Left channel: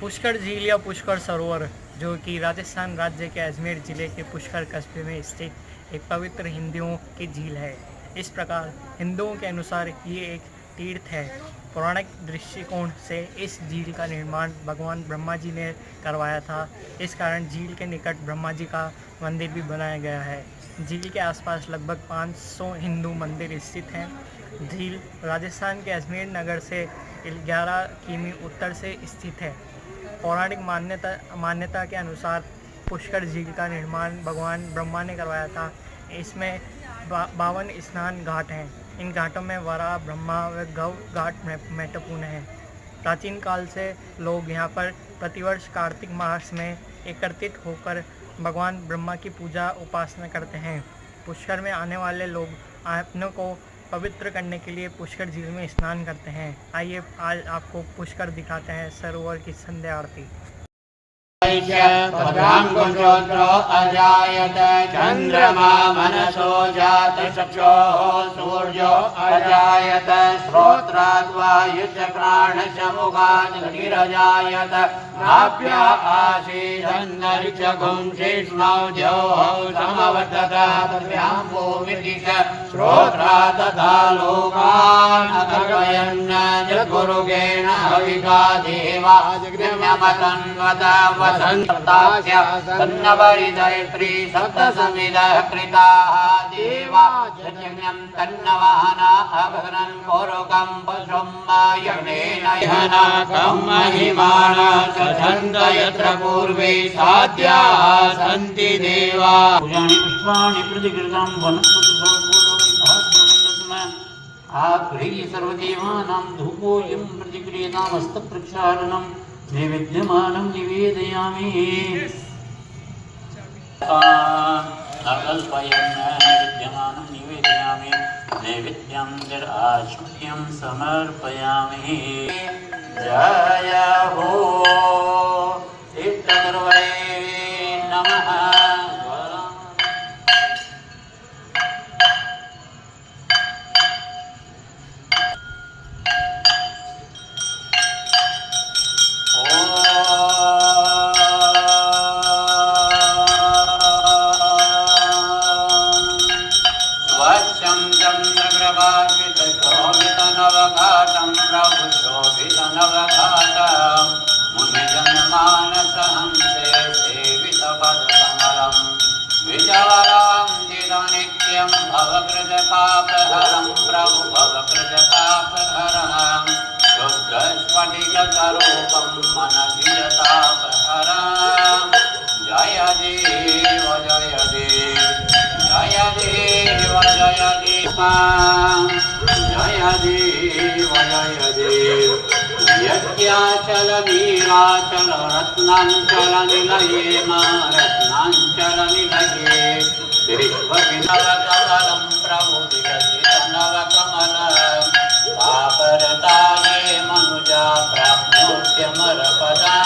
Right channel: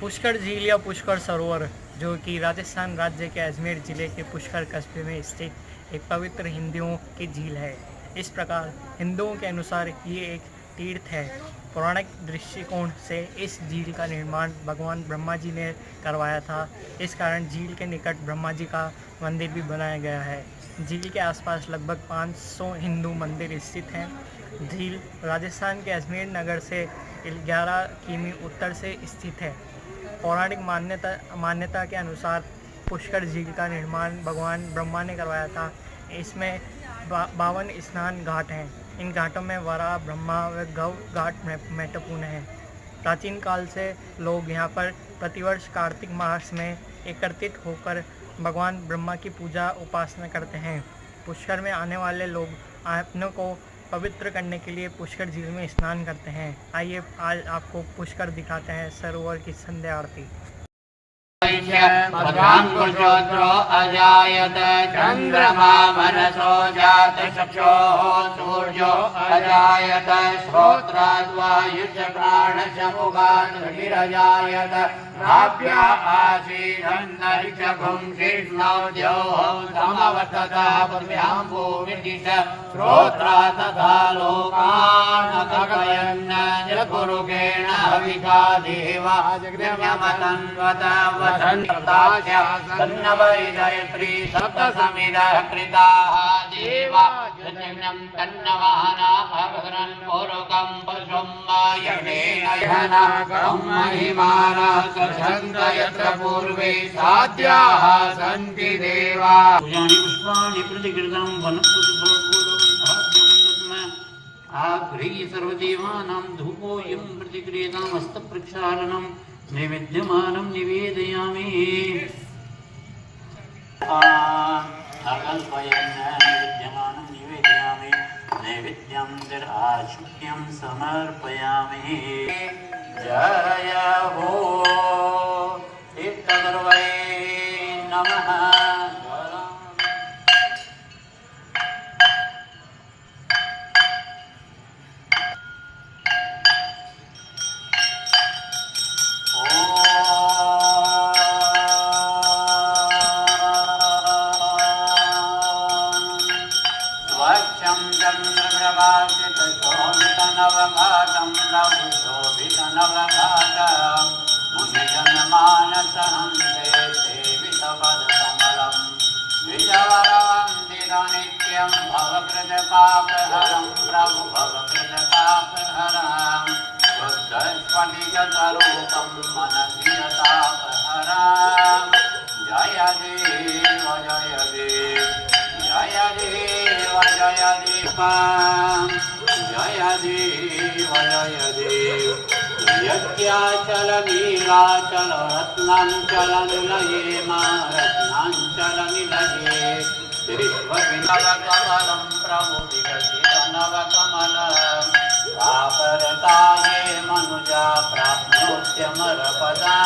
पुष्कर झील या पुष्कर सरोवर, जो कि राजस्थान राज्य के अजमेर जिले के पुष्कर कस्बे में स्थित एक पवित्र हिंदुओं की झील है। इस प्रकार हिंदुओं के अनुसार ये एक तीर्थ है। पौराणिक दृष्टिकोण से इस झील का निर्माण भगवान ब्रह्मा जी ने करवाया था। इस कारण झील के निकट ब्रह्मा जी का मंदिर भी बनाया गया है। झील के आसपास लगभग 500 हिंदू मंदिर स्थित हैं। झील राजस्थान के अजमेर नगर से 11 किमी उत्तर से स्थित है। पौराणिक मान्यता के अनुसार पुष्कर झील का निर्माण भगवान ब्रह्मा ने करवाया था। इसमें 52 स्नान घाट हैं। इन घाटों में वराह, ब्रह्मा व गौ घाट महत्वपूर्ण हैं। प्राचीन काल से लोग यहाँ पर प्रतिवर्ष कार्तिक मास में एकत्रित होकर भगवान ब्रह्मा की पूजा उपासना करते हैं। पुष्कर में आने वाले लोग अपनों को पवित्र करने के लिए पुष्कर झील में स्नान करते हैं। आइए आज आपको पुष्कर दिखाते हैं सरोवर की संध्या आरती। भद्रांकुशोत्रो अजायत चंद्रमा मनसो जात चक्षुः सूर्यो अजायत श्रोत्राद्वायुश्च प्राणश्च मुखात् गिरजायत नाभ्या आसीदन्तरिक्षगुं शिष्णौ द्यौः समवर्ततः पृथ्व्यां भूमिर्दिश श्रोत्रा तथा लोकान् अकर्पयन् जगुरुगेण हविका देवा जगन्मतन्वत वसन्तास्य तन्नवरिदयत्री सप्तसमिदः कृताः देवा जन्यं तन्नवहना अभद्रन् पूर्वकं पशुं यज्ञेन यहनाकं महिमाना सन्त यत्र पूर्वे साध्याः सन्ति देवा पुष्पाणि प्रतिकृतं आग्रही सर्वदेवानां धूपोऽयं प्रतिक्रियतामस्तप्रक्षालनं नैवेद्यमानं निवेदयामि अकल्पयन् नैवेद्यमानं निवेदयामि नैवेद्यं जराशुक्यं समर्पयामि जय हो तीर्थगुरवे नमः। शोभितनवघाटं प्रभुशोभितनवघाटं मुनिजनमानसहंसे सेवितपदकमलं विजयवन्दितनित्यं भवकृततापहरं प्रभु भवकृततापहरं शुद्धस्फटिकतरूपं मनसि यतापहरं जय देव जय देव जय देव जय देव जय देव जय देव यज्ञाचल वीराचल रत्नांचल निलये रत्नांचल निलये विश्वविनवकमलं प्रभु विकसितनवकमलं पापरताये मनुजा प्राप्नोत्यमरपदा